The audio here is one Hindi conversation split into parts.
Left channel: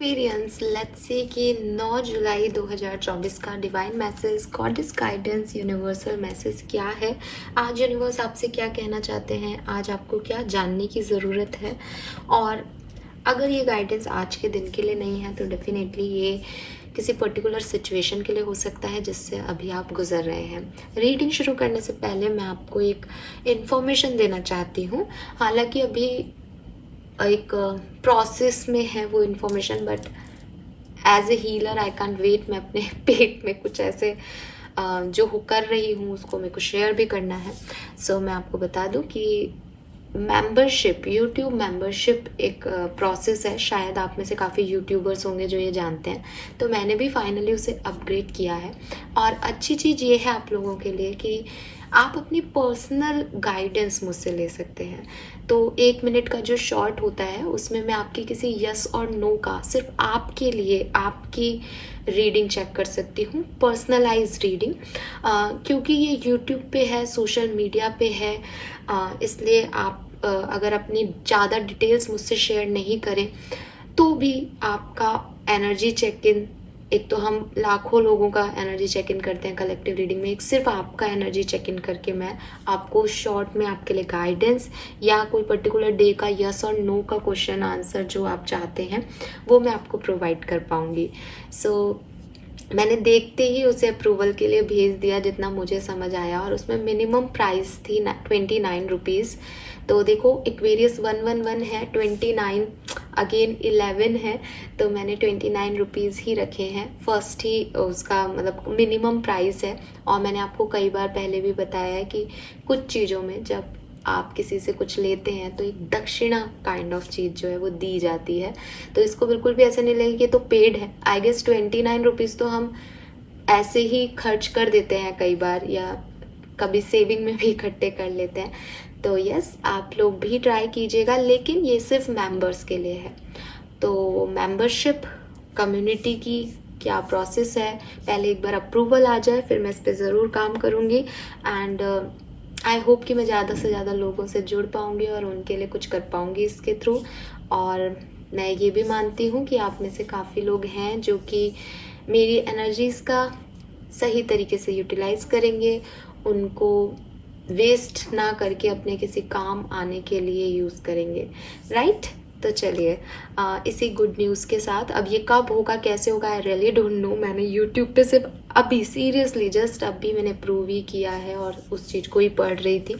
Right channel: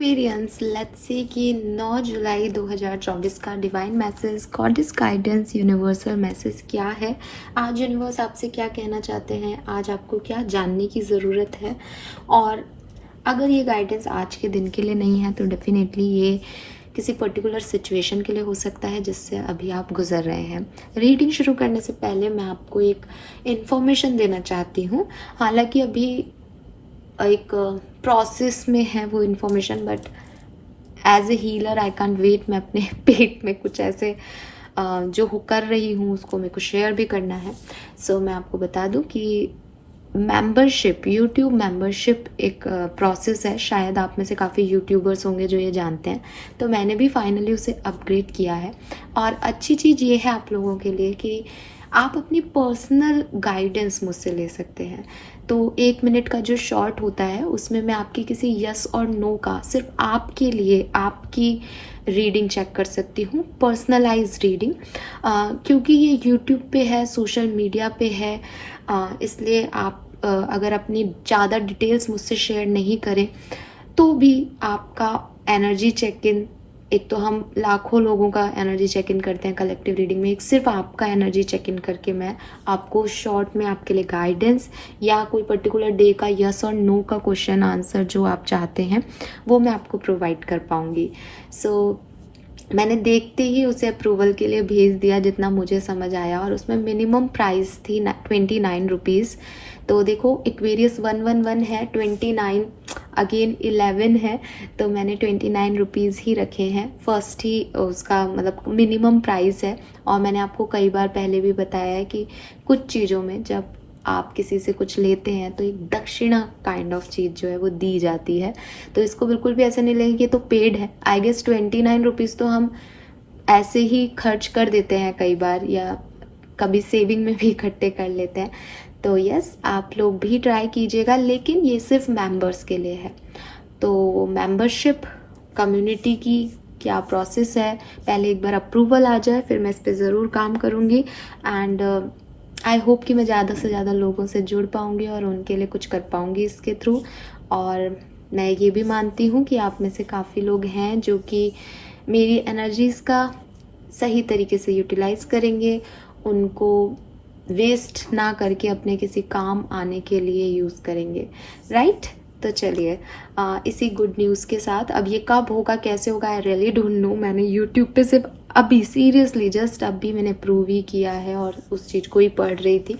एक्सपीरियंस लेट्स से कि 9 जुलाई 2024 का divine message goddess guidance universal message क्या है। आज यूनिवर्स आपसे क्या कहना चाहते हैं, आज आपको क्या जानने की ज़रूरत है। और अगर ये गाइडेंस आज के दिन के लिए नहीं है तो डेफिनेटली ये किसी पर्टिकुलर सिचुएशन के लिए हो सकता है जिससे अभी आप गुजर रहे हैं। रीडिंग शुरू करने से पहले मैं आपको एक इन्फॉर्मेशन देना चाहती हूँ। हालांकि अभी एक प्रोसेस में है वो information, but as a healer I can wait. मैं अपने पेट में कुछ ऐसे जो कर रही हूँ उसको मेरे को शेयर भी करना है। सो मैं आपको बता दूँ कि मेंबरशिप, यूट्यूब मेंबरशिप एक प्रोसेस है। शायद आप में से काफ़ी यूट्यूबर्स होंगे जो ये जानते हैं, तो मैंने भी फाइनली उसे अपग्रेड किया है। और अच्छी चीज़ ये है आप लोगों के लिए कि आप अपनी पर्सनल गाइडेंस मुझसे ले सकते हैं। तो 1 मिनट का जो शॉर्ट होता है उसमें मैं आपकी किसी यस और नो का सिर्फ आपके लिए आपकी रीडिंग चेक कर सकती हूँ, पर्सनलाइज रीडिंग। क्योंकि ये यूट्यूब पे है, सोशल मीडिया पे है, इसलिए आप अगर अपनी ज़्यादा डिटेल्स मुझसे शेयर नहीं करें तो भी आपका एनर्जी चेक इन, एक तो हम लाखों लोगों का एनर्जी चेक इन करते हैं कलेक्टिव रीडिंग में, एक सिर्फ आपका एनर्जी चेक इन करके मैं आपको शॉर्ट में आपके लिए गाइडेंस या कोई पर्टिकुलर डे का यस और नो का क्वेश्चन आंसर जो आप चाहते हैं वो मैं आपको प्रोवाइड कर पाऊँगी। सो मैंने देखते ही उसे अप्रूवल के लिए भेज दिया जितना मुझे समझ आया, और उसमें मिनिमम प्राइस थी 29 रुपीज़। तो देखो एक्वेरियस 111 है, 29 अगेन 11 है, तो मैंने 29 रुपीज़ ही रखे हैं। फर्स्ट ही उसका मतलब मिनिमम प्राइस है। और मैंने आपको कई बार पहले भी बताया है कि कुछ चीज़ों में जब आप किसी से कुछ लेते हैं तो एक दक्षिणा काइंड ऑफ चीज़ जो है वो दी जाती है। तो इसको बिल्कुल भी ऐसे नहीं लगेगा कि तो पेड है। आई गेस 29 रुपीज़ तो हम ऐसे ही खर्च कर देते हैं कई बार, या कभी सेविंग में भी इकट्ठे कर लेते हैं। तो यस, आप लोग भी ट्राई कीजिएगा, लेकिन ये सिर्फ मेंबर्स के लिए है। तो मेंबरशिप कम्युनिटी की क्या प्रोसेस है, पहले एक बार अप्रूवल आ जाए फिर मैं इस पर ज़रूर काम करूँगी। एंड आई होप कि मैं ज़्यादा से ज़्यादा लोगों से जुड़ पाऊँगी और उनके लिए कुछ कर पाऊँगी इसके थ्रू। और मैं ये भी मानती हूँ कि आप में से काफ़ी लोग हैं जो कि मेरी एनर्जीज़ का सही तरीके से यूटिलाइज़ करेंगे, उनको वेस्ट ना करके अपने किसी काम आने के लिए यूज़ करेंगे, राइट। तो चलिए इसी गुड न्यूज़ के साथ, अब ये कब होगा कैसे होगा आई रियली डोंट नो। मैंने यूट्यूब पे सिर्फ अभी सीरियसली जस्ट अभी मैंने प्रूव ही किया है और उस चीज़ को ही पढ़ रही थी।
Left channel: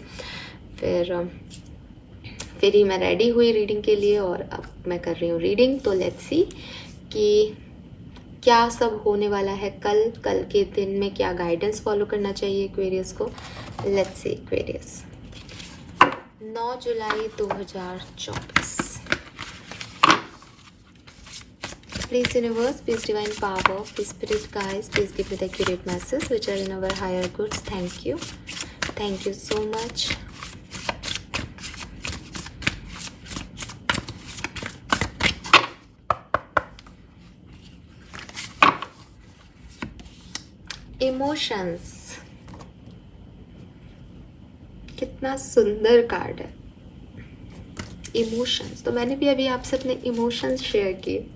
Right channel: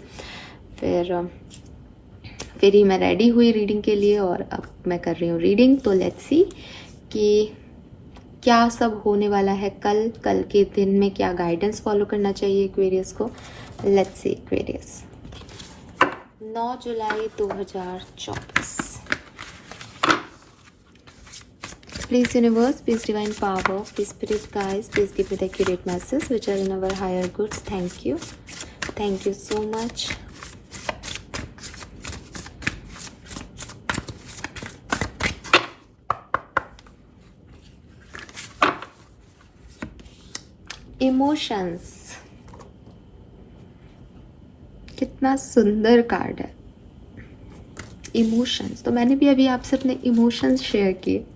फिर ही मैं रेडी हुई रीडिंग के लिए और अब मैं कर रही हूँ रीडिंग। तो लेट्स सी कि क्या सब होने वाला है कल के दिन में, क्या गाइडेंस फॉलो करना चाहिए एक्वेरियस को। Let's see Aquarius 9 July 2024। Please universe, please divine power, please spirit guides, please give me the accurate messages which are in our higher goods. Thank you. Thank you so much. Emotions, कितना सुंदर कार्ड है इमोशंस। तो मैंने भी अभी आपसे अपने इमोशंस शेयर किए।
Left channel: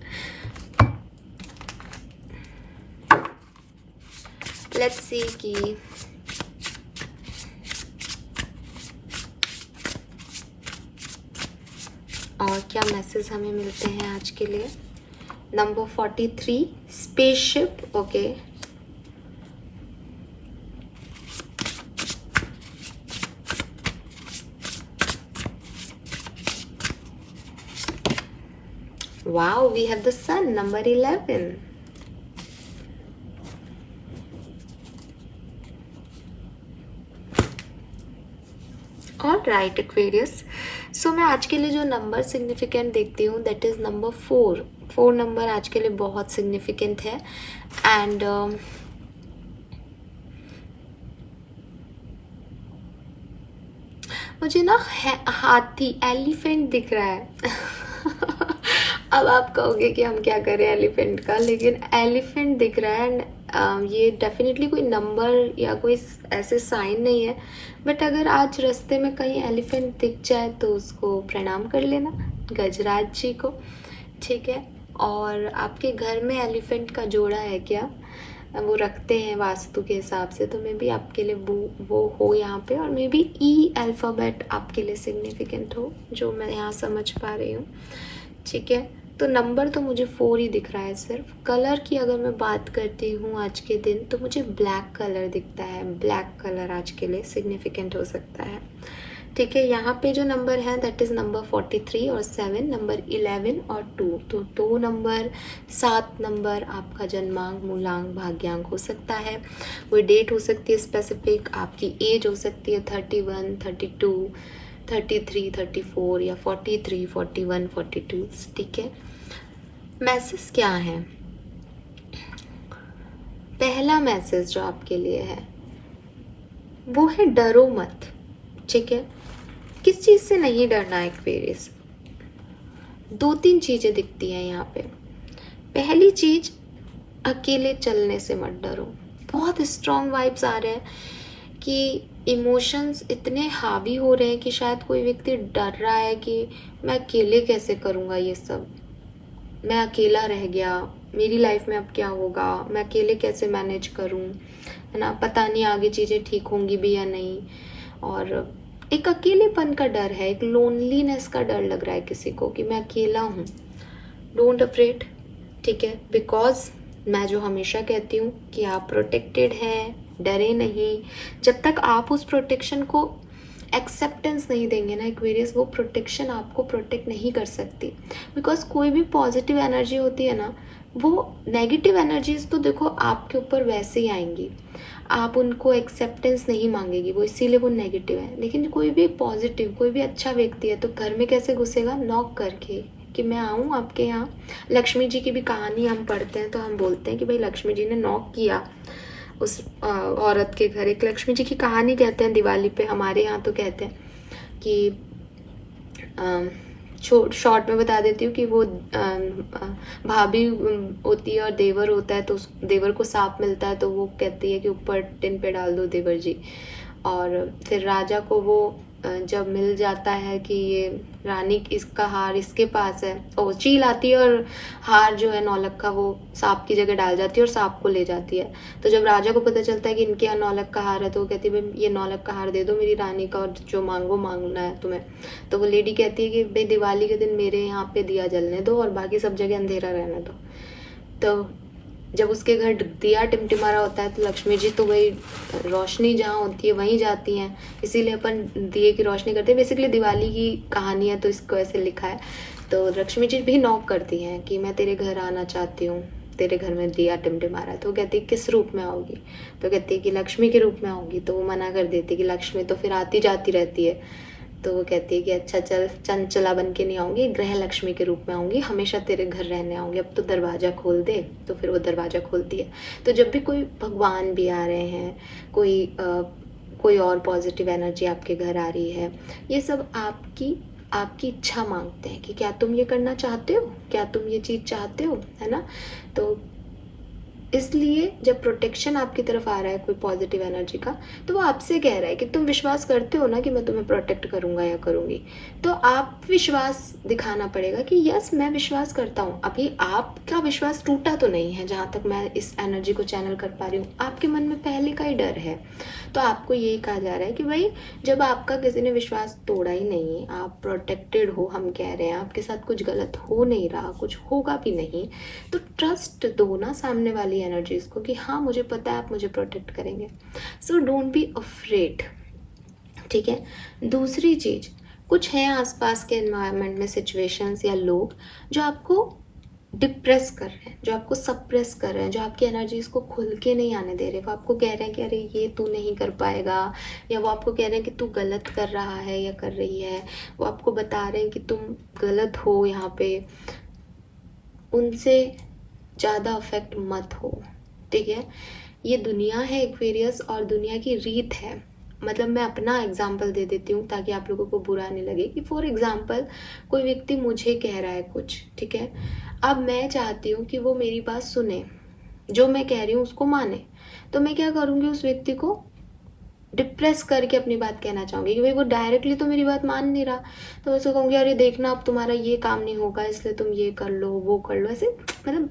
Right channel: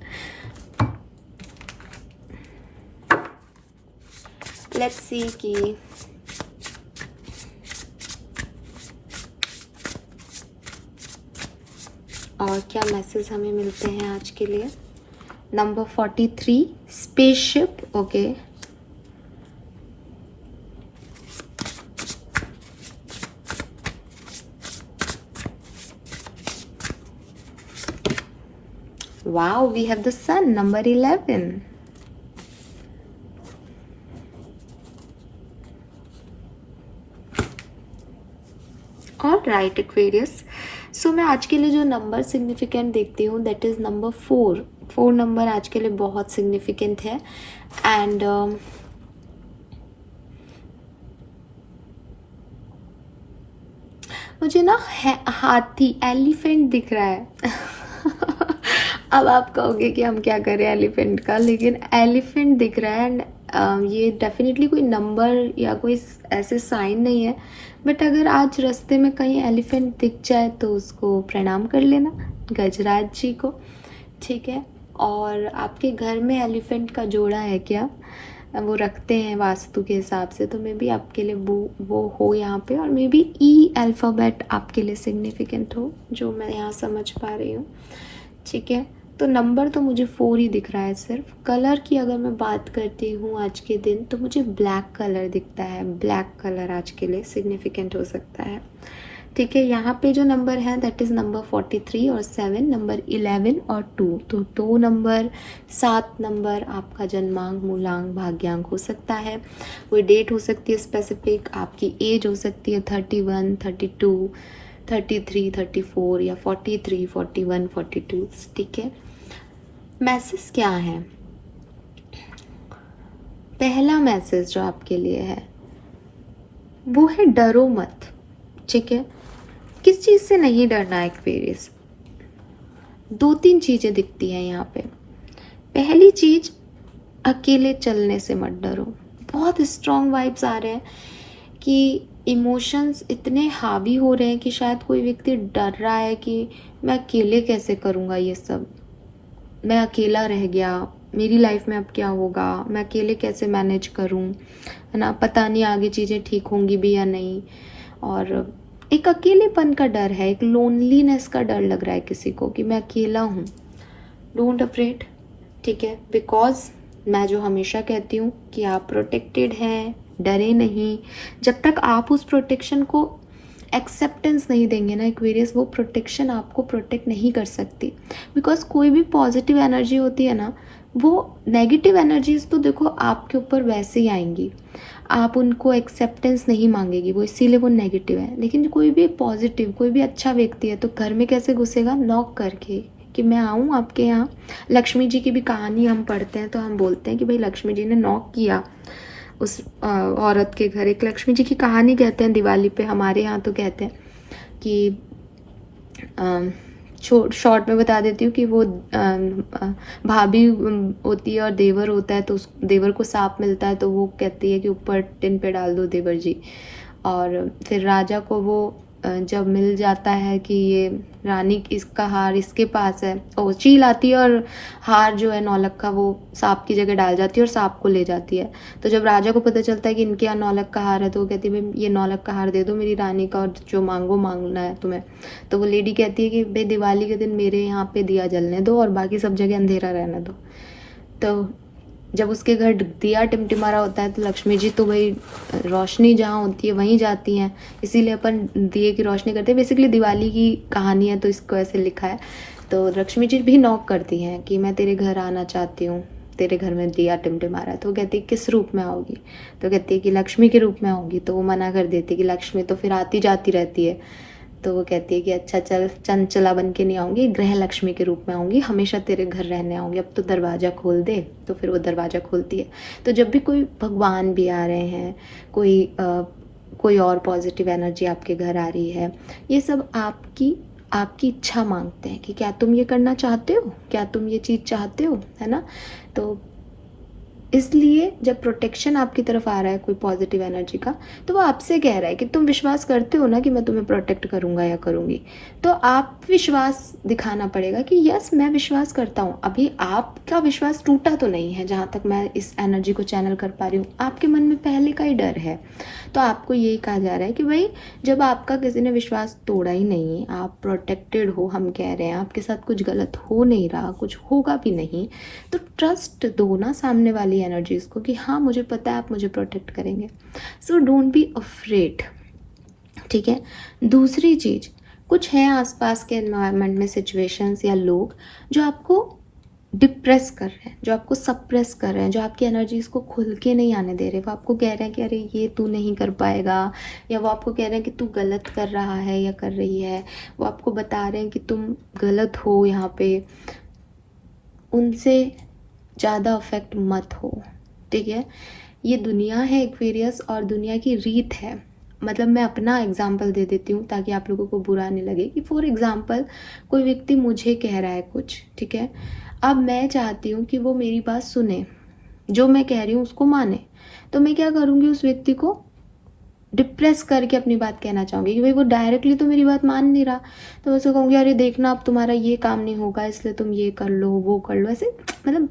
लेट्स सी कि और क्या मैसेज हमें मिलते हैं आज के लिए। Number 43 spaceship, okay. Wow, we have the sun, number 11. Alright Aquarius, सो मैं आज के लिए जो नंबर सिग्निफिकेंट देखती हूँ दैट इज़ नंबर 4। 4 नंबर आज के लिए बहुत सिग्निफिकेंट है। एंड मुझे ना हाथी, एलिफेंट दिख रहा है। अब आप कहोगे कि हम क्या करें एलिफेंट का, लेकिन एलिफेंट दिख रहा है। एंड ये डेफिनेटली कोई नंबर या कोई ऐसे साइन नहीं है, बट अगर आज रास्ते में कहीं एलिफेंट दिख जाए तो उसको प्रणाम कर लेना गजराज जी को, ठीक है। और आपके घर में एलिफेंट का जोड़ा है क्या, वो रखते हैं वास्तु के हिसाब से, तो मे बी आपके लिए वो हो यहाँ पे। और मे बी ई अल्फ़ाबेट आपके लिए सिग्निफिकेंट हो, जो मैं यहाँ समझ पा रही हूँ। ठीक है, तो नंबर तो मुझे 4 ही दिख रहा है सिर्फ। कलर की अगर मैं बात करती हूँ आज के दिन, तो मुझे ब्लैक कलर दिखता है। ब्लैक कलर आज के लिए सिग्निफिकेंट हो सकता है। ठीक है, यहाँ पे जो नंबर है दैट इज़ नंबर 43 और 7, नंबर 11 और 2। तो 2 नंबर, 7 नंबर आपका जन्मांक, मूलांक, भाग्यांक हो सकता है। कोई डेट हो सकती है स्पेसिफिक, आपकी एज हो सकती है 31, 32, 33, 34 या 43, 41, 42। ठीक है, मैसेज क्या है? पहला मैसेज जो आपके लिए है वो है डरो मत। ठीक है, किस चीज़ से नहीं डरना है एक्वेरियस? 2-3 चीज़ें दिखती हैं यहाँ पे। पहली चीज, अकेले चलने से मत डरो। बहुत स्ट्रॉन्ग वाइब्स आ रहे हैं कि इमोशंस इतने हावी हो रहे हैं कि शायद कोई व्यक्ति डर रहा है कि मैं अकेले कैसे करूँगा ये सब, मैं अकेला रह गया, मेरी लाइफ में अब क्या होगा, मैं अकेले कैसे मैनेज करूँ, है ना, पता नहीं आगे चीज़ें ठीक होंगी भी या नहीं। और एक अकेलेपन का डर है, एक लोनलीनेस का डर लग रहा है किसी को कि मैं अकेला हूँ। डोंट अफ्रेड, ठीक है, बिकॉज मैं जो हमेशा कहती हूँ कि आप प्रोटेक्टेड हैं, डरे नहीं। जब तक आप उस प्रोटेक्शन को एक्सेप्टेंस नहीं देंगे ना एक्वेरियस, वो प्रोटेक्शन आपको प्रोटेक्ट नहीं कर सकती। बिकॉज कोई भी पॉजिटिव एनर्जी होती है ना, वो नेगेटिव एनर्जीज तो देखो आपके ऊपर वैसे ही आएंगी, आप उनको एक्सेप्टेंस नहीं मांगेगी, वो इसीलिए वो नेगेटिव है। लेकिन कोई भी पॉजिटिव, कोई भी अच्छा व्यक्ति है तो घर में कैसे घुसेगा? नॉक करके कि मैं आऊँ आपके यहाँ। लक्ष्मी जी की भी कहानी हम पढ़ते हैं तो हम बोलते हैं कि भाई लक्ष्मी जी ने नॉक किया उस औरत के घर। एक लक्ष्मी जी की कहानी कहते हैं दिवाली पे, हमारे यहाँ तो कहते हैं कि शॉर्ट में बता देती हूँ कि वो भाभी होती है और देवर होता है, तो उस देवर को सांप मिलता है तो वो कहती है कि ऊपर टिन पे डाल दो देवर जी। और फिर राजा को वो जब मिल जाता है कि ये रानी इसका हार इसके पास है, और चील आती है और हार जो है नौलक्खा वो सांप की जगह डाल जाती है और सांप को ले जाती है। तो जब राजा को पता चलता है कि इनके यहाँ नौलक्खा हार है तो वो कहती है भाई ये नौलक्खा हार दे दो मेरी रानी का, और जो मांगो मांगना है तुम्हें। तो वो लेडी कहती है कि भाई दिवाली के दिन मेरे यहाँ पे दिया जलने दो और बाकी सब जगह अंधेरा रहने दो। तो जब उसके घर दिया टिमटिमा रहा होता है तो लक्ष्मी जी तो वही रोशनी जहाँ होती है वहीं जाती हैं, इसीलिए अपन दिए की रोशनी करते हैं। बेसिकली दिवाली की कहानी है तो इसको ऐसे लिखा है। तो लक्ष्मी जी भी नॉक करती हैं कि मैं तेरे घर आना चाहती हूँ, तेरे घर में दिया टिमटिमा रहा है। तो वो कहती है किस रूप में आओगी? तो कहती है कि लक्ष्मी के रूप में आओगी। तो वो मना कर देती है कि लक्ष्मी तो फिर आती जाती रहती है। तो वो कहती है कि अच्छा चल, चंचला बन के नहीं आऊँगी, गृह लक्ष्मी के रूप में आऊँगी, हमेशा तेरे घर रहने आऊँगी, अब तो दरवाज़ा खोल दे। तो फिर वो दरवाज़ा खोलती है। तो जब भी कोई भगवान भी आ रहे हैं, कोई और पॉजिटिव एनर्जी आपके घर आ रही है, ये सब आपकी इच्छा मांगते हैं कि क्या तुम ये करना चाहते हो, क्या तुम ये चीज़ चाहते हो, है ना। तो इसलिए जब प्रोटेक्शन आपकी तरफ आ रहा है कोई पॉजिटिव एनर्जी का, तो वो आपसे कह रहा है कि तुम विश्वास करते हो ना कि मैं तुम्हें प्रोटेक्ट करूंगा या करूंगी। तो आप विश्वास दिखाना पड़ेगा कि यस मैं विश्वास करता हूँ। अभी आपका विश्वास टूटा तो नहीं है, जहाँ तक मैं इस एनर्जी को चैनल कर पा रही हूँ। आपके मन में पहले का ही डर है। तो आपको यही कहा जा रहा है कि भाई जब आपका किसी ने विश्वास तोड़ा ही नहीं, आप प्रोटेक्टेड हो, हम कह रहे हैं आपके साथ कुछ गलत हो नहीं रहा, कुछ होगा भी नहीं, तो ट्रस्ट दो ना सामने वाली एनर्जीज को कि हाँ मुझे पता है आप मुझे प्रोटेक्ट करेंगे। सो डोंट बी अफ्रेड, ठीक है। दूसरी चीज, कुछ है आसपास के एनवायरनमेंट में सिचुएशंस या लोग जो आपको डिप्रेस कर रहे हैं, जो आपको सप्रेस कर रहे हैं, जो आपकी एनर्जीज को खुल के नहीं आने दे रहे। वो आपको कह रहे हैं कि अरे ये तू नहीं कर पाएगा, या वो आपको कह रहे हैं कि तू गलत कर रहा है या कर रही है, वो आपको बता रहे हैं कि तुम गलत हो यहाँ पे। उनसे ज़्यादा अफेक्ट मत हो, ठीक है। ये दुनिया है एक्वेरियस और दुनिया की रीत है। मतलब मैं अपना एग्जाम्पल दे देती हूँ ताकि आप लोगों को बुरा नहीं लगे कि फॉर एग्जाम्पल कोई व्यक्ति मुझे कह रहा है कुछ, ठीक है। अब मैं चाहती हूँ कि वो मेरी बात सुने, जो मैं कह रही हूँ उसको माने। तो मैं क्या करूँगी, उस व्यक्ति को डिप्रेस करके अपनी बात कहना चाहूँगी कि भाई वो डायरेक्टली तो मेरी बात मान नहीं रहा, तो मैं उसे कहूँगी अरे देखना अब तुम्हारा ये काम नहीं होगा इसलिए तुम ये कर लो वो कर लो, ऐसे मतलब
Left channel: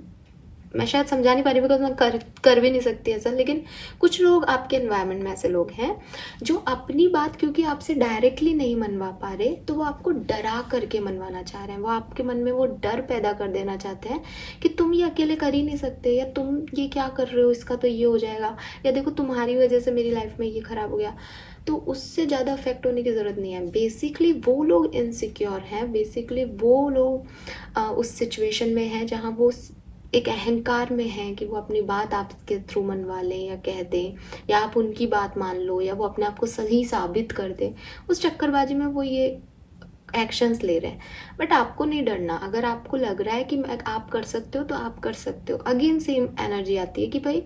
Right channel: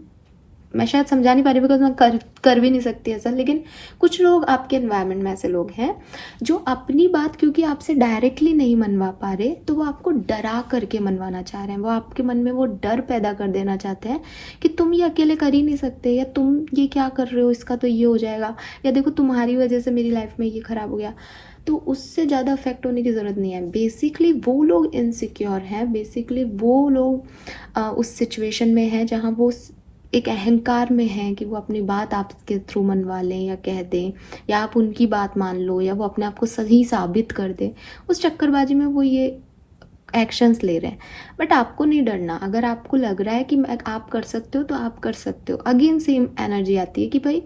मैं शायद समझा नहीं पा रही बिकॉज मैं कर भी नहीं सकती ऐसा, लेकिन कुछ लोग आपके एनवायरनमेंट में ऐसे लोग हैं जो अपनी बात क्योंकि आपसे डायरेक्टली नहीं मनवा पा रहे तो वो आपको डरा करके मनवाना चाह रहे हैं, वो आपके मन में वो डर पैदा कर देना चाहते हैं कि तुम ये अकेले कर ही नहीं सकते, या तुम ये क्या कर रहे हो, इसका तो ये हो जाएगा, या देखो तुम्हारी वजह से मेरी लाइफ में ये खराब हो गया। तो उससे ज़्यादा अफेक्ट होने की ज़रूरत नहीं है। बेसिकली वो लोग इनसिक्योर हैं, बेसिकली वो लोग उस सिचुएशन में हैं जहाँ वो एक अहंकार में है कि वो अपनी बात आपके थ्रू मनवा लें या कह दें, या आप उनकी बात मान लो, या वो अपने आप को सही साबित कर दें। उस चक्करबाजी में वो ये एक्शंस ले रहे हैं। बट आपको नहीं डरना, अगर आपको लग रहा है कि आप कर सकते हो तो आप कर सकते हो। अगेन सेम एनर्जी आती है कि भाई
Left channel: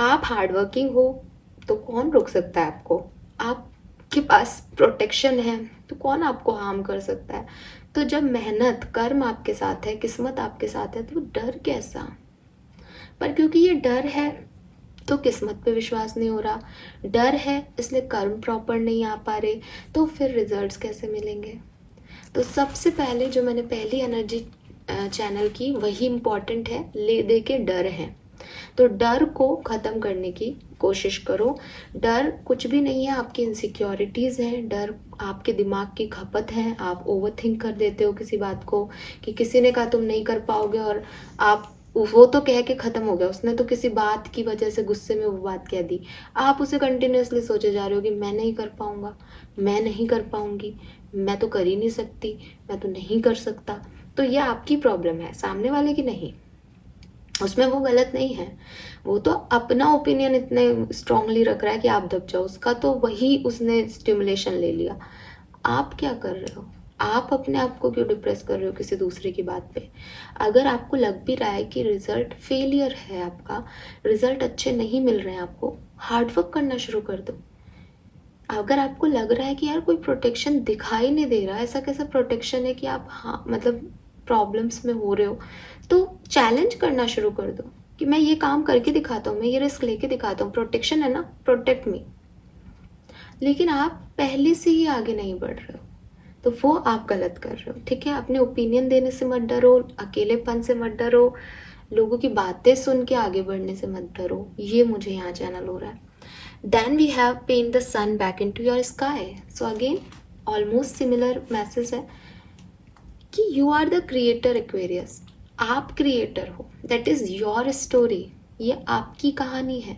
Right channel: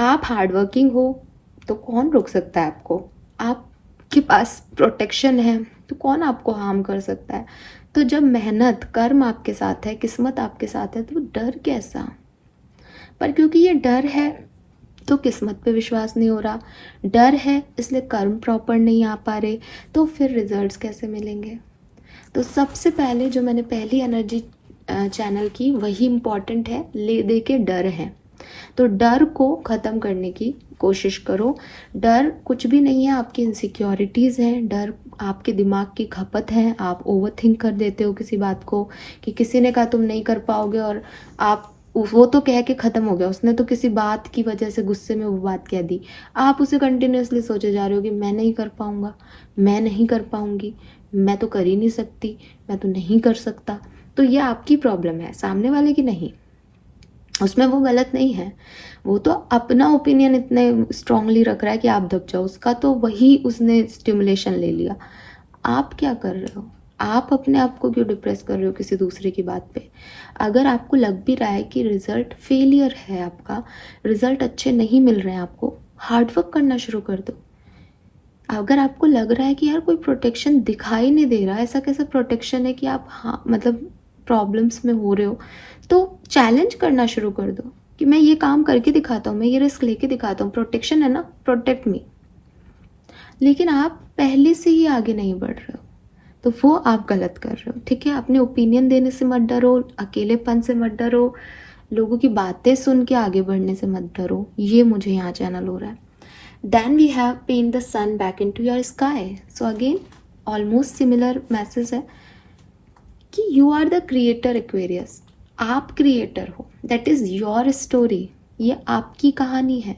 आप हार्डवर्किंग हो तो कौन रोक सकता है आपको, आपके पास प्रोटेक्शन है तो कौन आपको हार्म कर सकता है। तो जब मेहनत कर्म आपके साथ है, किस्मत आपके साथ है, तो डर कैसा। पर क्योंकि ये डर है तो किस्मत पे विश्वास नहीं हो रहा, डर है इसलिए कर्म प्रॉपर नहीं आ पा रहे, तो फिर रिजल्ट्स कैसे मिलेंगे। तो सबसे पहले जो मैंने पहली एनर्जी चैनल की वही इम्पॉर्टेंट है, ले दे के डर है। तो डर को ख़त्म करने की कोशिश करो। डर कुछ भी नहीं है, आपकी इनसिक्योरिटीज़ हैं, डर आपके दिमाग की खपत है। आप ओवर थिंक कर देते हो किसी बात को कि किसी ने कहा तुम नहीं कर पाओगे और आप वो तो कह के ख़त्म हो गया, उसने तो किसी बात की वजह से गुस्से में वो बात कह दी, आप उसे कंटिन्यूसली सोचे जा रहे हो कि मैं नहीं कर पाऊँगा, मैं नहीं कर पाऊँगी, मैं तो कर ही नहीं सकती, मैं तो नहीं कर सकता। तो ये आपकी प्रॉब्लम है, सामने वाले की नहीं। उसमें वो गलत नहीं है, वो तो अपना ओपिनियन इतने स्ट्रांगली रख रहा है कि आप दब जाओ, उसका तो वही उसने स्टिमुलेशन ले लिया। आप क्या कर रहे हो, आप अपने आप को क्यों डिप्रेस कर रहे हो किसी दूसरे की बात पे। अगर आपको लग भी रहा है कि रिजल्ट फेलियर है, आपका रिजल्ट अच्छे नहीं मिल रहे हैं आपको, हार्डवर्क करना शुरू कर दो। अगर आपको लग रहा है कि यार कोई प्रोटेक्शन दिखाई नहीं दे रहा, ऐसा कैसा प्रोटेक्शन है कि आप हाँ मतलब प्रॉब्लम्स में हो रहे हो, तो चैलेंज करना शुरू कर दो कि मैं ये काम करके दिखाता हूँ, मैं ये रिस्क लेके दिखाता हूँ, प्रोटेक्शन है ना, प्रोटेक्ट मी। लेकिन आप पहले से ही आगे नहीं बढ़ रहे हो तो वो आप गलत कर रहे हो, ठीक है। अपने ओपिनियन देने से मत डरो, अकेलेपन से मत डरो, लोगों की बातें सुन के आगे बढ़ने से मत डरो। ये मुझे यहाँ चैनल हो रहा है। Then we have paint the sun back into your sky. So again, almost similar message है कि you are the creator Aquarius. आप क्रिएटर हो, that is your story. ये आपकी कहानी है,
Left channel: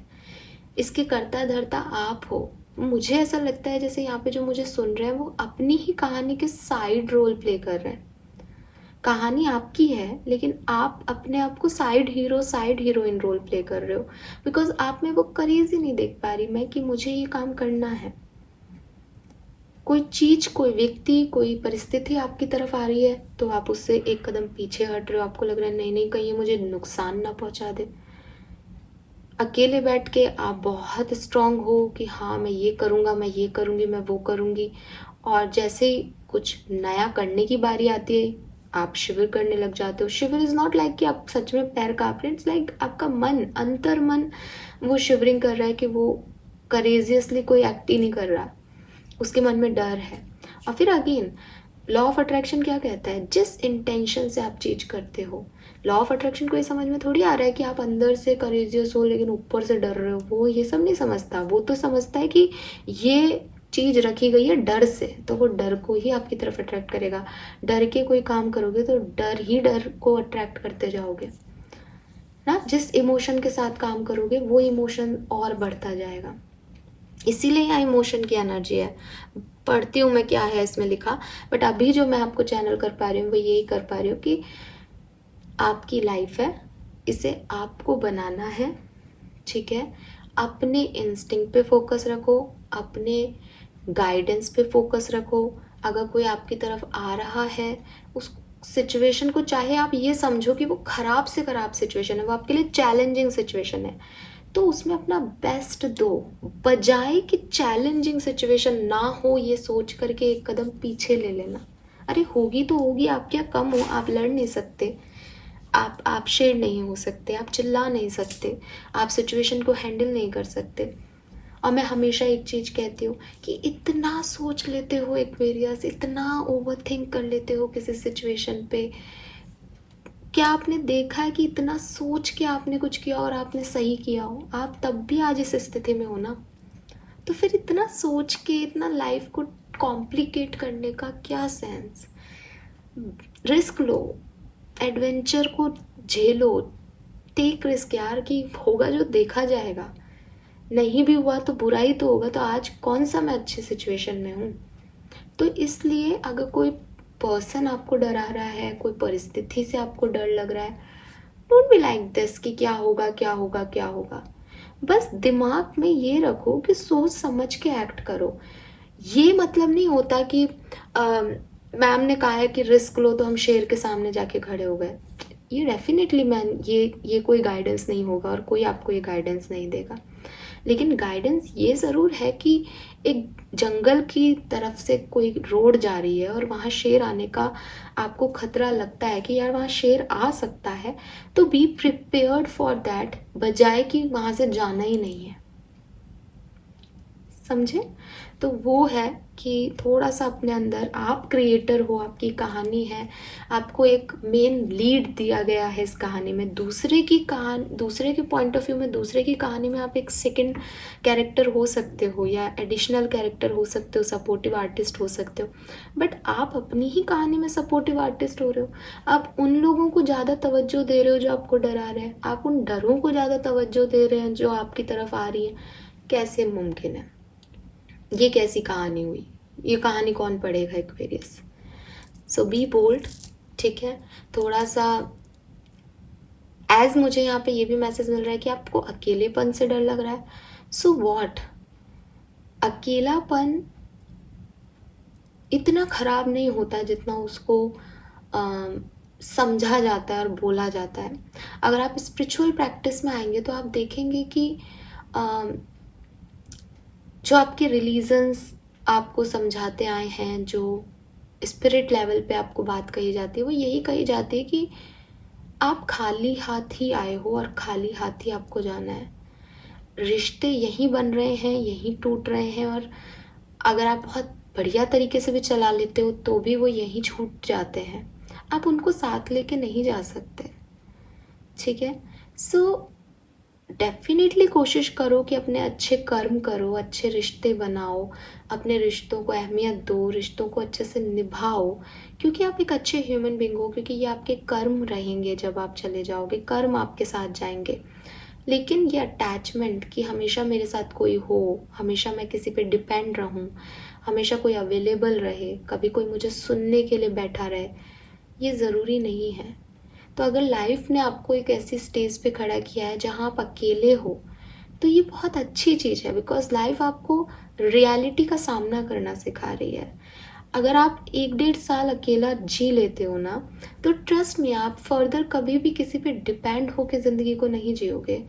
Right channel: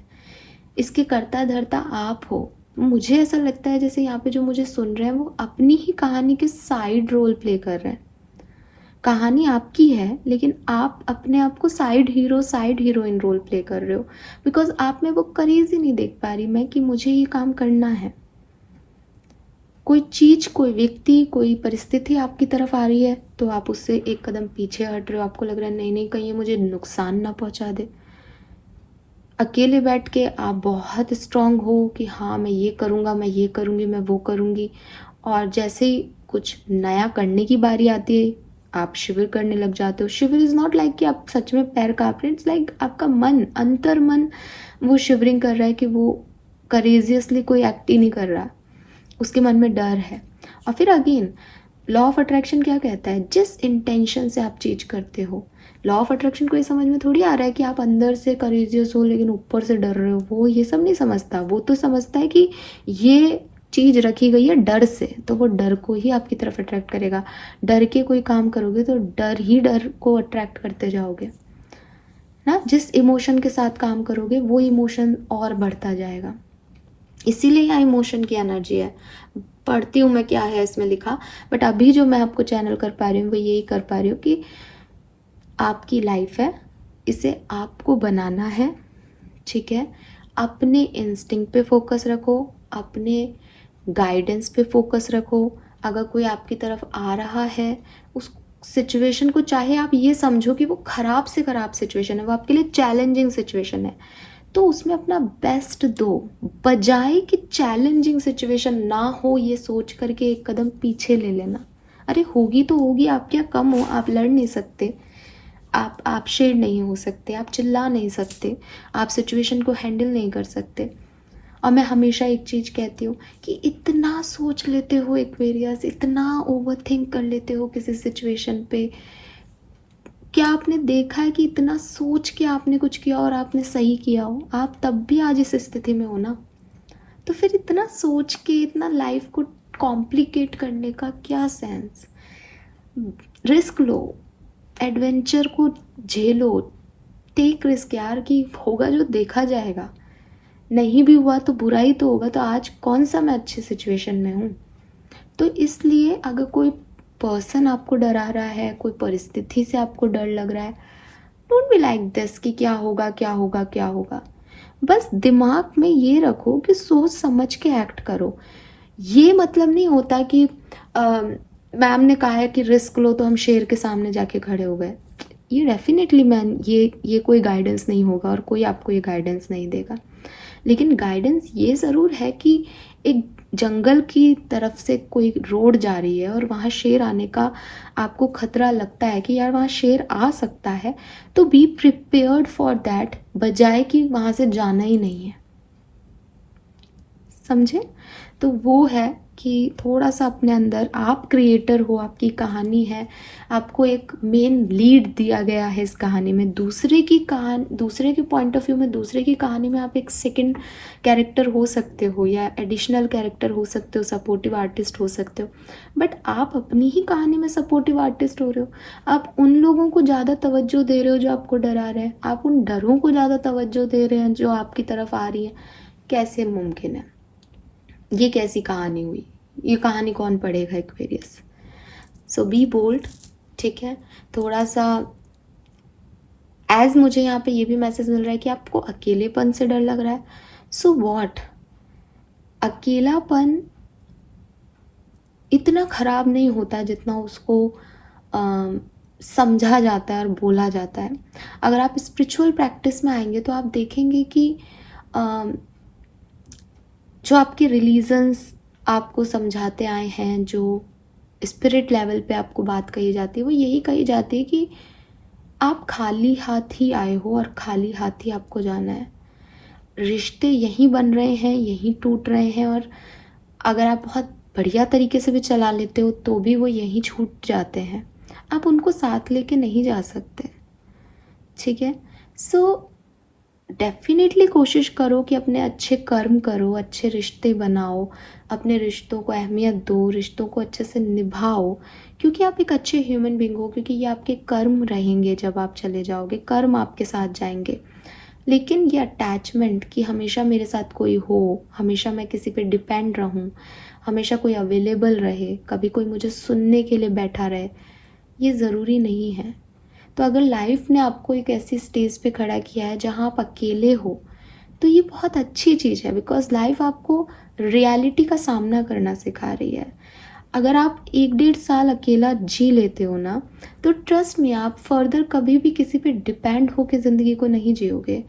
इसके करता धरता आप हो। मुझे ऐसा लगता है जैसे यहाँ पे जो मुझे सुन रहे हैं वो अपनी ही कहानी के साइड रोल प्ले कर रहे हैं। कहानी आपकी है लेकिन आप अपने आप को side hero side heroine role play कर रहे हो, बिकॉज आप में वो करेज ही नहीं देख पा रही मैं कि मुझे ये काम करना है। कोई चीज, कोई व्यक्ति, कोई परिस्थिति आपकी तरफ आ रही है तो आप उससे एक कदम पीछे हट रहे हो, आपको लग रहा है नहीं नहीं कहीं ये मुझे नुकसान ना पहुंचा दे। अकेले बैठ के आप बहुत स्ट्रांग हो कि हाँ मैं ये करूँगा, मैं ये करूँगी, मैं वो करूँगी, और जैसे ही कुछ नया करने की बारी आती है आप शिविर करने लग जाते हो। शिविर इज़ नॉट लाइक कि आप सच में पैर काँप रहे हैं, इट्स लाइक आपका मन, अंतर मन वो शिवरिंग कर रहा है कि वो करेजियसली कोई एक्ट ही नहीं कर रहा, उसके मन में डर है। और फिर अगेन लॉ ऑफ अट्रैक्शन क्या कहता है, जिस इंटेंशन से आप चीज करते हो। लॉ ऑफ अट्रैक्शन को ये समझ में थोड़ी आ रहा है कि आप अंदर से करेजियस हो लेकिन ऊपर से डर रहे हो, वो ये सब नहीं समझता। वो तो समझता है कि ये चीज रखी गई है डर से, तो वो डर को ही आपकी तरफ अट्रैक्ट करेगा। डर के कोई काम करोगे तो डर ही डर को अट्रैक्ट करते जाओगे ना। जिस इमोशन के साथ काम करोगे वो इमोशन और बढ़ता जाएगा। इसीलिए यहाँ इमोशन की एनर्जी है। पढ़ती हूँ मैं क्या है इसमें लिखा, बट अभी जो मैं आपको चैनल कर पा रही हूँ वो यही कर पा रही हूँ कि आपकी लाइफ है, इसे आपको बनाना है, ठीक है। अपने इंस्टिंक्ट पे फोकस रखो, अपने गाइडेंस पे फोकस रखो। अगर कोई आपकी तरफ आ रहा है उस सिचुएशन को, चाहे आप ये समझो कि वो खराब से खराब सिचुएशन है, वो आपके लिए चैलेंजिंग सिचुएशन है, तो उसमें अपना बेस्ट दो, बजाय कि चैलेंजिंग सिचुएशन ना हो ये सोच करके एक कदम पीछे ले लेना। अरे होगी तो होगी, आप क्या कम हो, आप लड़ नहीं सकते, आप शेर नहीं हो सकते, आप चिल्ला नहीं सकते, आप सिचुएशन को हैंडल नहीं कर सकते। और मैं हमेशा एक चीज़ कहती हूँ कि इतना सोच लेते हो एक्वेरियस, इतना ओवरथिंक कर लेते हो किसी सिचुएशन पे। क्या आपने देखा है कि इतना सोच के आपने कुछ किया और आपने सही किया हो? आप तब भी आज इस स्थिति में हो ना। तो फिर इतना सोच के इतना लाइफ को कॉम्प्लिकेट करने का क्या सेंस? रिस्क लो, एडवेंचर को झेलो, टेक रिस्क यार, कि होगा जो देखा जाएगा। नहीं भी हुआ तो बुरा ही तो होगा। तो आज कौन सा मैं अच्छी सिचुएशन में हूँ? तो इसलिए अगर कोई पर्सन आपको डरा रहा है, कोई परिस्थिति से आपको डर लग रहा है, डोंट बी लाइक दिस कि क्या होगा क्या होगा क्या होगा। बस दिमाग में ये रखो कि सोच समझ के एक्ट करो। ये मतलब नहीं होता कि मैम ने कहा है कि रिस्क लो तो हम शेर के सामने जाके खड़े हो गए। ये डेफिनेटली मैन ये कोई गाइडेंस नहीं होगा और कोई आपको ये गाइडेंस नहीं देगा। लेकिन गाइडेंस ये ज़रूर है कि एक जंगल की तरफ से कोई रोड जा रही है और वहाँ शेर आने का आपको खतरा लगता है कि यार वहाँ शेर आ सकता है, तो बी प्रिपेयर्ड फॉर दैट, बजाय कि वहाँ से जाना ही नहीं है। समझे? तो वो है कि थोड़ा सा अपने अंदर, आप क्रिएटर हो, आपकी कहानी है, आपको एक मेन लीड दिया गया है इस कहानी में। दूसरे की कहानी, दूसरे के पॉइंट ऑफ व्यू में, दूसरे की कहानी में आप एक सेकंड कैरेक्टर हो सकते हो या एडिशनल कैरेक्टर हो सकते हो, सपोर्टिव आर्टिस्ट हो सकते हो। बट आप अपनी ही कहानी में सपोर्टिव आर्टिस्ट हो रहे हो। आप उन लोगों को ज़्यादा तवज्जो दे रहे हो जो आपको डरा रहे हैं, आप उन डरों को ज़्यादा तवज्जो दे रहे हैं जो आपकी तरफ आ रही है। कैसे मुमकिन है? ये कैसी कहानी हुई? ये कहानी कौन पढ़ेगा एक्वेरियस? सो बी बोल्ड, ठीक है? थोड़ा सा एज मुझे यहाँ पे ये भी मैसेज मिल रहा है कि आपको अकेलेपन से डर लग रहा है। सो वॉट, अकेलापन इतना खराब नहीं होता जितना उसको समझा जाता है और बोला जाता है। अगर आप स्पिरिचुअल प्रैक्टिस में आएंगे तो आप देखेंगे कि जो आपके रिलीजन्स आपको समझाते आए हैं, जो स्पिरिट लेवल पे आपको बात कही जाती है, वो यही कही जाती है कि आप खाली हाथ ही आए हो और खाली हाथ ही आपको जाना है। रिश्ते यहीं बन रहे हैं, यहीं टूट रहे हैं, और अगर आप बहुत बढ़िया तरीके से भी चला लेते हो तो भी वो यहीं छूट जाते हैं। आप उनको साथ लेके नहीं जा सकते, ठीक है? सो डेफिनेटली कोशिश करो कि अपने अच्छे कर्म करो, अच्छे रिश्ते बनाओ, अपने रिश्तों को अहमियत दो, रिश्तों को अच्छे से निभाओ, क्योंकि आप एक अच्छे ह्यूमन बीइंग हो। क्योंकि ये आपके कर्म रहेंगे, जब आप चले जाओगे कर्म आपके साथ जाएंगे। लेकिन ये अटैचमेंट कि हमेशा मेरे साथ कोई हो, हमेशा मैं किसी पे डिपेंड रहूं, हमेशा कोई अवेलेबल रहे, कभी कोई मुझे सुनने के लिए बैठा रहे, ये ज़रूरी नहीं है। तो अगर लाइफ ने आपको एक ऐसी स्टेज पे खड़ा किया है जहाँ आप अकेले हो, तो ये बहुत अच्छी चीज़ है, बिकॉज लाइफ आपको रियलिटी का सामना करना सिखा रही है। अगर आप 1-1.5 साल अकेला जी लेते हो ना, तो ट्रस्ट में आप फर्दर कभी भी किसी पे डिपेंड होकर ज़िंदगी को नहीं जियोगे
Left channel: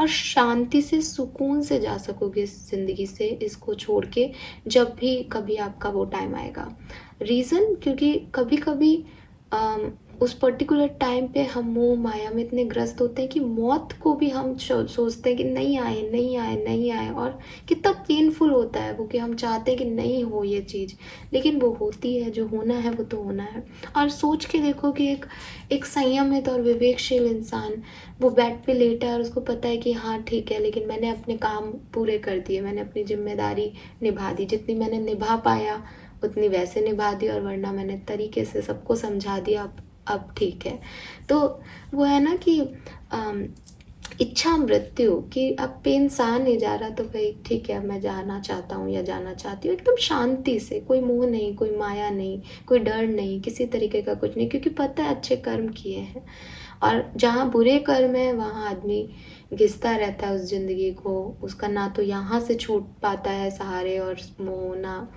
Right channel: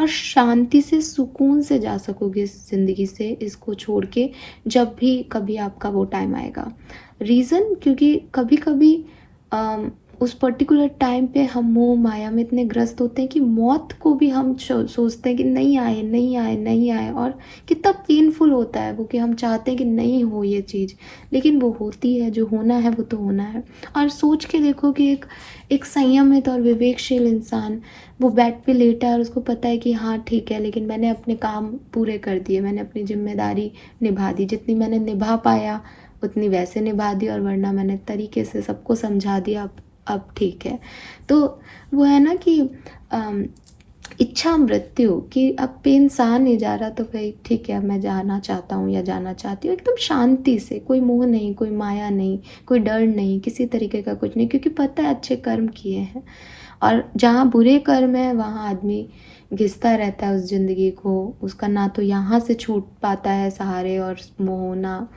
और शांति से, सुकून से जा सकोगे इस ज़िंदगी से, इसको छोड़ के, जब भी कभी आपका वो टाइम आएगा। रीज़न, क्योंकि कभी कभी उस पर्टिकुलर टाइम पे हम मोह माया में इतने ग्रस्त होते हैं कि मौत को भी हम सोचते हैं कि नहीं आए नहीं आए नहीं आए, और कितना पेनफुल होता है वो कि हम चाहते हैं कि नहीं हो ये चीज़, लेकिन वो होती है। जो होना है वो तो होना है। और सोच के देखो कि एक संयमित और विवेकशील इंसान वो बेड पे लेटा है और उसको पता है कि हाँ ठीक है, लेकिन मैंने अपने काम पूरे कर दिए, मैंने अपनी जिम्मेदारी निभा दी, जितनी मैंने निभा पाया उतनी वैसे निभा दी, और वरना मैंने तरीके से सबको समझा दिया, अब ठीक है। तो वो है ना कि इच्छा मृत्यु, कि अब पे इंसान नहीं जा रहा तो भाई ठीक है, मैं जाना चाहता हूँ या जाना चाहती हूँ, एकदम शांति से, कोई मोह नहीं, कोई माया नहीं, कोई डर नहीं, किसी तरीके का कुछ नहीं, क्योंकि पता है अच्छे कर्म किए हैं। और जहाँ बुरे कर्म है वहाँ आदमी घिसता रहता है उस ज़िंदगी को, उसका ना तो यहाँ से छूट पाता है सहारे और मोह, ना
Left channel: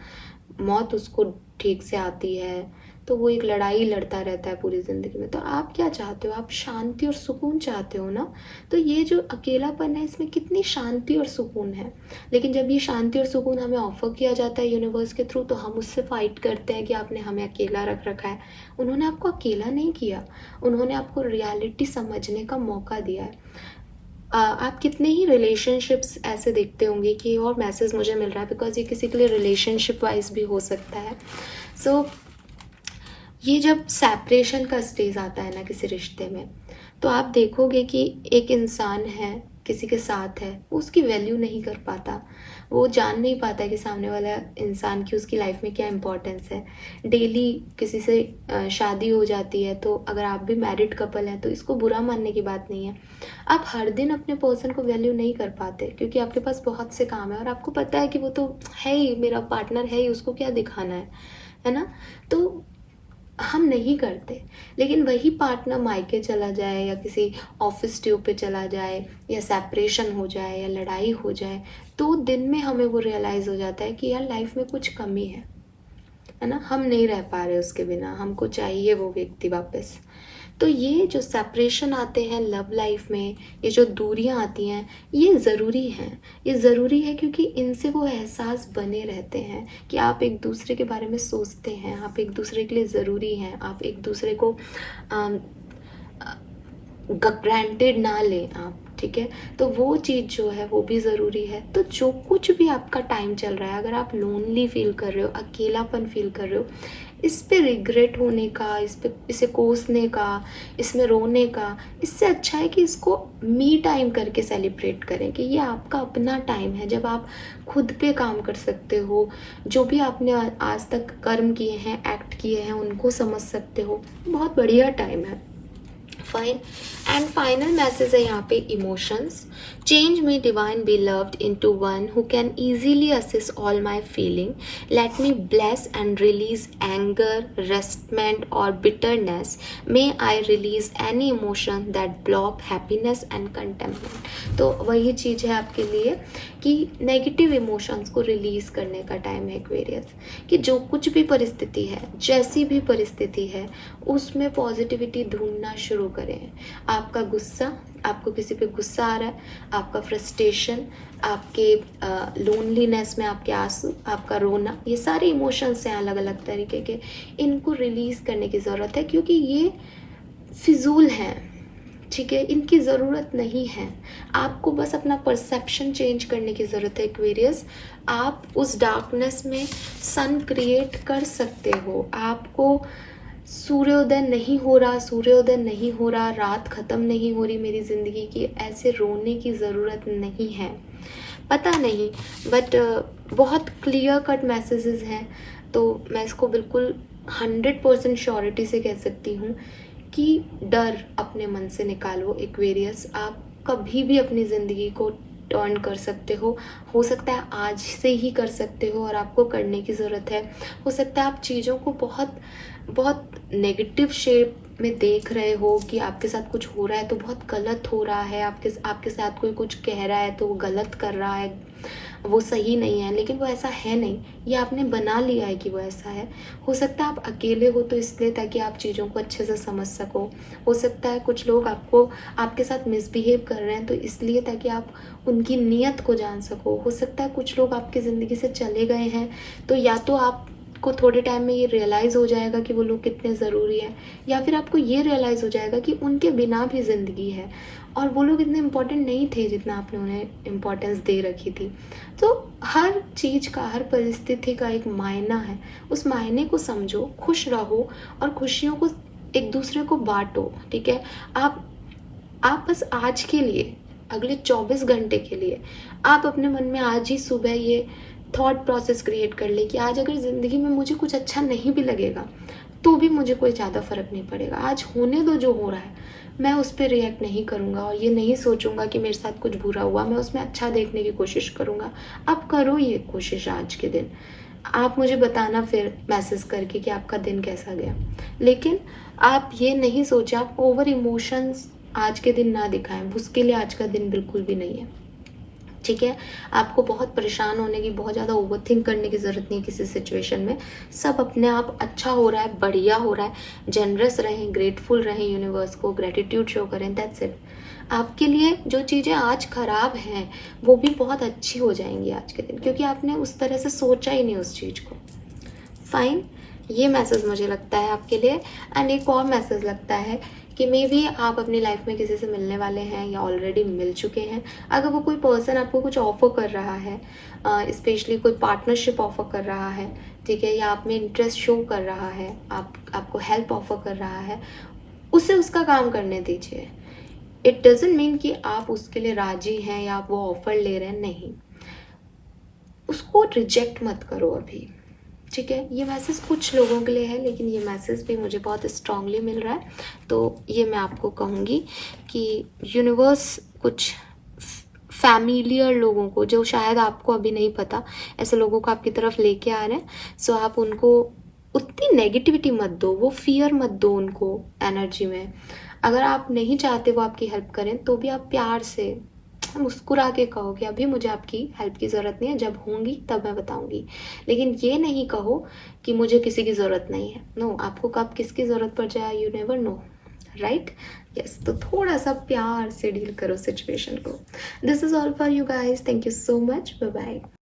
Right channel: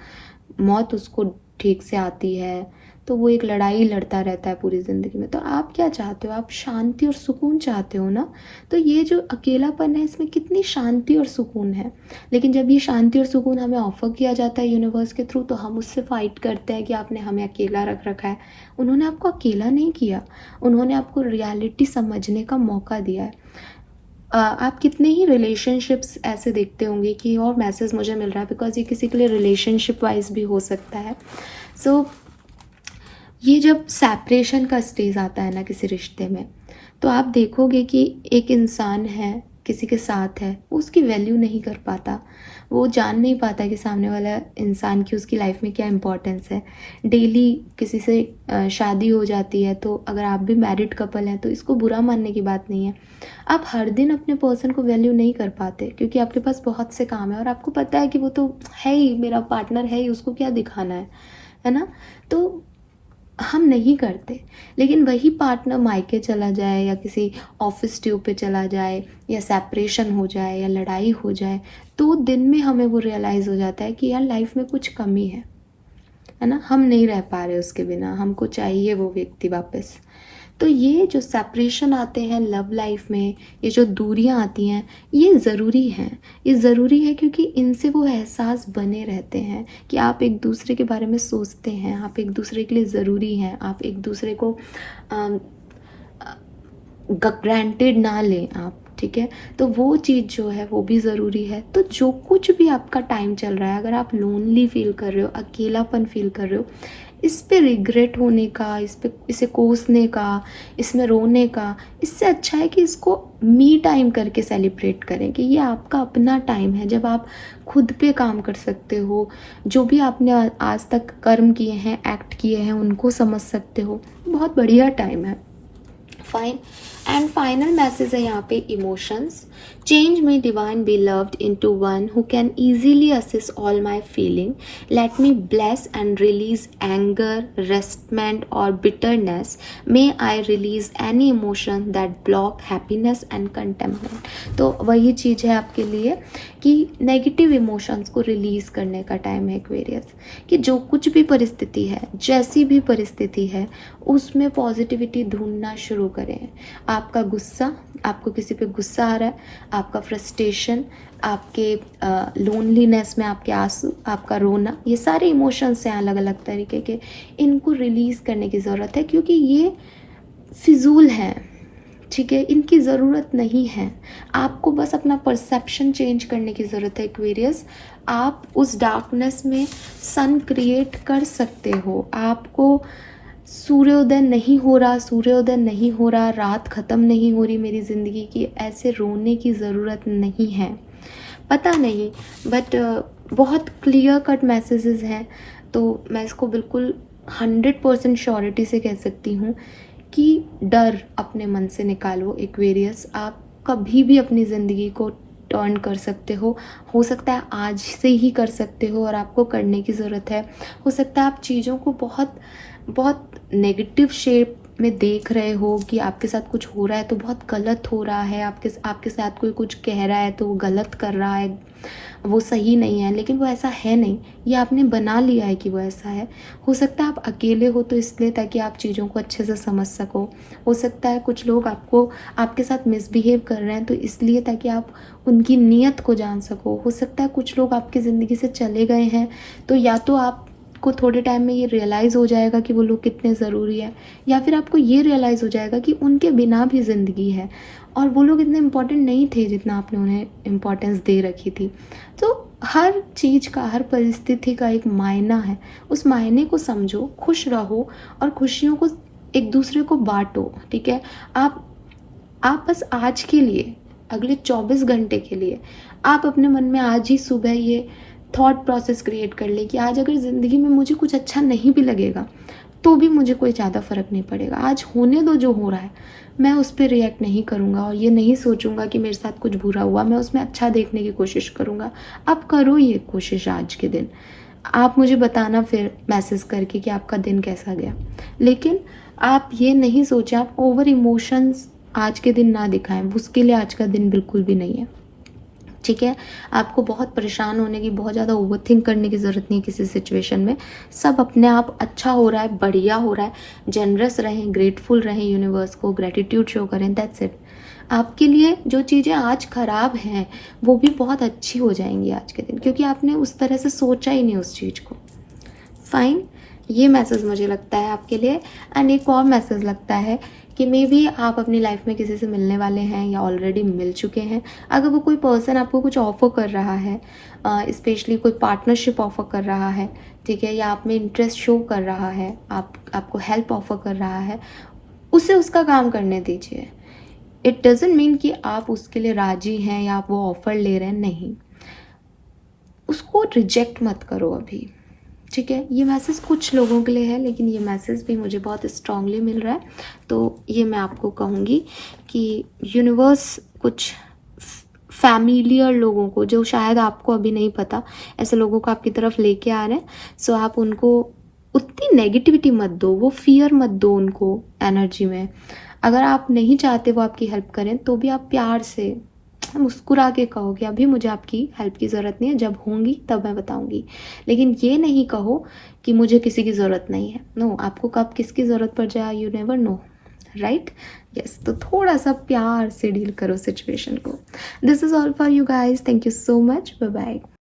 मौत उसको ठीक से आती है, तो वो एक लड़ाई लड़ता रहता है पूरी ज़िंदगी में। तो आप क्या चाहते हो? आप शांति और सुकून चाहते हो ना? तो ये जो अकेलापन है, इसमें कितनी शांति और सुकून है। लेकिन जब ये शांति और सुकून हमें ऑफर किया जाता है यूनिवर्स के थ्रू, तो हम उससे फाइट करते हैं कि आपने हमें अकेला रख रखा है। उन्होंने आपको अकेला नहीं किया, उन्होंने आपको रियलिटी समझने का मौका दिया है। आप कितने ही रिलेशनशिप्स ऐसे देखते होंगे कि और मैसेज मुझे मिल रहा है, बिकॉज ये किसी के लिए रिलेशनशिप वाइज भी हो सकता है। सो ये जब सेपरेशन का स्टेज आता है ना किसी रिश्ते में, तो आप देखोगे कि एक इंसान है, किसी के साथ है, वो उसकी वैल्यू नहीं कर पाता, वो जान नहीं पाता कि सामने वाला इंसान की उसकी लाइफ में क्या इंपॉर्टेंस है। डेली किसी से शादी हो जाती है, तो अगर आप भी मैरिड कपल हैं तो इसको बुरा मानने की बात नहीं है। आप हर दिन अपने पर्सन को वैल्यू नहीं कर पाते क्योंकि आपके पास बहुत से काम है और आपको पता है कि वो तो है ही, मेरा पार्टनर है ही, उसको क्या दिखाना है ना। तो हम नहीं करते। लेकिन वही पार्टनर मायके चला जाए या किसी ऑफिस ट्यूब पे चला जाए या सेपरेशन हो जाए या लड़ाई हो जाए, तो दिन में हमें वो रियलाइज़ हो जाता है कि यार लाइफ में कुछ कमी है ना, हम नहीं रह पा रहे उसके बिना, हमको चाहिए वो व्यक्ति वापस। तो ये जो सेपरेशन आते हैं लव लाइफ में, ये जो दूरियां आती हैं, ये ज़रूरी हैं। ये ज़रूरी है क्योंकि इनसे वो एहसास बने रहते हैं कि आप एक दूसरे के बारे में सोचते हैं, आप एक दूसरे के लिए ज़रूरी हैं, आप एक दूसरे को ग्रांटेड ना लें आप, ठीक है। तो वो चीज़ जो है वो भी ज़रूरी है। तो जो कुछ भी आपका टाइम चल रहा है, अगर आप लोनली फील कर रहे हो, अकेलापन फील कर रहे हो, इस पे रिग्रेट होने का, इसे कोसने का, इसमें रोने का, इससे अच्छा है कि इसको मी टाइम करके सेलिब्रेट करें कि ये आपका अपना टाइम है जब आप खुद पे काम कर सकते हो, जो भी आपने आज तक कर्म किए हैं, एक्ट किए हैं, उनको समझ सकते हो। बहुत बढ़िया टाइम है। फाइन एंड फाइनल मैसेज है यहाँ पे, emotions change me divine be loved into one who can easily assist all my feeling, let me bless and release anger, resentment और bitterness, may I release any emotion that block happiness and contentment. तो वही चीज़ है आपके लिए कि नेगेटिव इमोशंस को रिलीज करने का टाइम है एक्वेरियस, कि जो कुछ भी परिस्थिति है, जैसी भी परिस्थिति है, उसमें पॉजिटिविटी ढूंढना शुरू करें। आपका गुस्सा, आपको किसी पे गुस्सा आ रहा है, आपका फ्रस्ट्रेशन, आपके लोनलीनेस में आपके आंसू, आपका रोना, ये सारे इमोशंस हैं अलग अलग तरीके के, इनको रिलीज़ करने की ज़रूरत है क्योंकि ये फिजूल हैं, ठीक है, इनकी ज़रूरत नहीं है। आपको बस अपना परसेप्शन चेंज करने की ज़रूरत है एक्वेरियस। आप उस डार्कनेस में सन क्रिएट कर सकते हो। आपको सूर्योदय नहीं हो रहा, सूर्योदय नहीं हो रहा, रात ख़त्म नहीं हो रही मेरी ज़िंदगी की, ऐसे रोने की ज़रूरत नहीं है। पता नहीं, बट बहुत क्लियर कट मैसेजेस हैं। तो मैं इसको बिल्कुल 100% श्योरिटी से कह सकती हूँ कि डर अपने मन से निकालो एक्वेरियस। आप कभी भी अपनी ज़िंदगी को टर्न कर सकते हो सकता है आज से ही कर सकते हो और आपको करने की ज़रूरत है। हो सकता है आप चीज़ों को बहुत बहुत नेगेटिव शेप में देख रहे हो कि आपके साथ कुछ हो रहा है तो बहुत गलत हो रहा है, आपके साथ कोई कुछ कह रहा है तो वो गलत कर रहा है, वो सही नहीं है, लेकिन वो ऐसा है नहीं, ये आपने बना लिया है कि वो ऐसा है। हो सकता है आप अकेले हो तो इसलिए ताकि आप चीज़ों को अच्छे से समझ सको। हो सकता है कुछ लोग आपके साथ मिसबिहेव कर रहे हैं तो इसलिए ताकि आप उनकी नीयत को जान सको। हो सकता है कुछ लोग आपकी ज़िंदगी से चले गए हैं तो या तो आपको थोड़े टाइम में ये रियलाइज़ हो जाएगा कि वो लोग कितने ज़रूरी है, या फिर आपको ये रियलाइज़ हो जाएगा कि उनके बिना भी ज़िंदगी है और वो लोग इतने इम्पोर्टेंट नहीं थे जितना आपने उन्हें इम्पोर्टेंस दे रखी थी। तो हर चीज़ का, हर परिस्थिति का एक मायना है, उस मायने को समझो, खुश रहो और खुशियों को एक दूसरे को बांटो, ठीक है। आप बस आज के लिए, अगले 24 घंटे के लिए आप अपने मन में आज ही सुबह ये थॉट प्रोसेस क्रिएट कर ले कि आज अगर ज़िंदगी में मुझे कुछ अच्छा नहीं भी लगेगा तो भी मुझे कोई ज़्यादा फ़र्क नहीं पड़ेगा, आज होने दो जो हो रहा है, मैं उस पर रिएक्ट नहीं करूँगा और ये नहीं सोचूंगा कि मेरे साथ कुछ बुरा हुआ, मैं उसमें अच्छा देखने की कोशिश करूँगा। आप करो ये कोशिश आज के दिन, आप मुझे बताना फिर मैसेज करके कि आपका दिन कैसा गया। लेकिन आप ये नहीं सोचें, आप ओवर इमोशंस आज के दिन ना दिखाएं, उसके लिए आज का दिन बिल्कुल भी नहीं है, ठीक है। आपको बहुत परेशान होने की, बहुत ज़्यादा ओवरथिंक करने की ज़रूरत नहीं है किसी सिचुएशन में। सब अपने आप अच्छा हो रहा है, बढ़िया हो रहा है। जनरस रहें, ग्रेटफुल रहें, यूनिवर्स को ग्रेटिट्यूड शो करें, दैट्स इट। आपके लिए जो चीज़ें आज खराब हैं वो भी बहुत अच्छी हो जाएंगी आज के दिन, क्योंकि आपने उस तरह से सोचा ही नहीं उस चीज़ को। फाइन, ये मैसेज मुझे लगता है आपके लिए। एंड एक और मैसेज लगता है कि मे बी आप अपनी लाइफ में किसी से मिलने वाले हैं या ऑलरेडी मिल चुके हैं। अगर वो कोई पर्सन आपको कुछ ऑफर कर रहा है, स्पेशली कोई पार्टनरशिप ऑफर कर रहा है, ठीक है, या आप में इंटरेस्ट शो कर रहा है, आपको हेल्प ऑफर कर रहा है, उसे उसका काम करने दीजिए। इट डजेंट मीन कि आप उसके लिए राजी हैं या आप वो ऑफर ले रहे हैं, नहीं, उसको रिजेक्ट मत करो अभी, ठीक है। ये मैसेज कुछ लोगों के लिए है, लेकिन ये मैसेज भी मुझे बहुत स्ट्रांगली मिल रहा है। तो ये मैं आपको कहूँगी कि यूनिवर्स कुछ फैमिलियर लोगों को, जो शायद आपको अभी नहीं पता, ऐसे लोगों को आपकी तरफ लेके आ रहे हैं। सो आप उनको उतनी नेगेटिविटी मत दो, वो फियर मत दो उनको एनर्जी में। अगर आप नहीं चाहते वो आपकी हेल्प करें, तो भी आप प्यार से मुस्कुरा के कहो कि अभी मुझे आपकी हेल्प की ज़रूरत नहीं है, जब होंगी तब मैं बताऊंगी। लेकिन ये नहीं कहो कि मुझे किसी की ज़रूरत नहीं है। नो, आपको कब किसकी ज़रूरत पड़ जाए you never know, right. Yes, तो थोड़ा सा प्यार से डील करो सिचुएशन को। This is all for you guys, thank you so much, bye bye.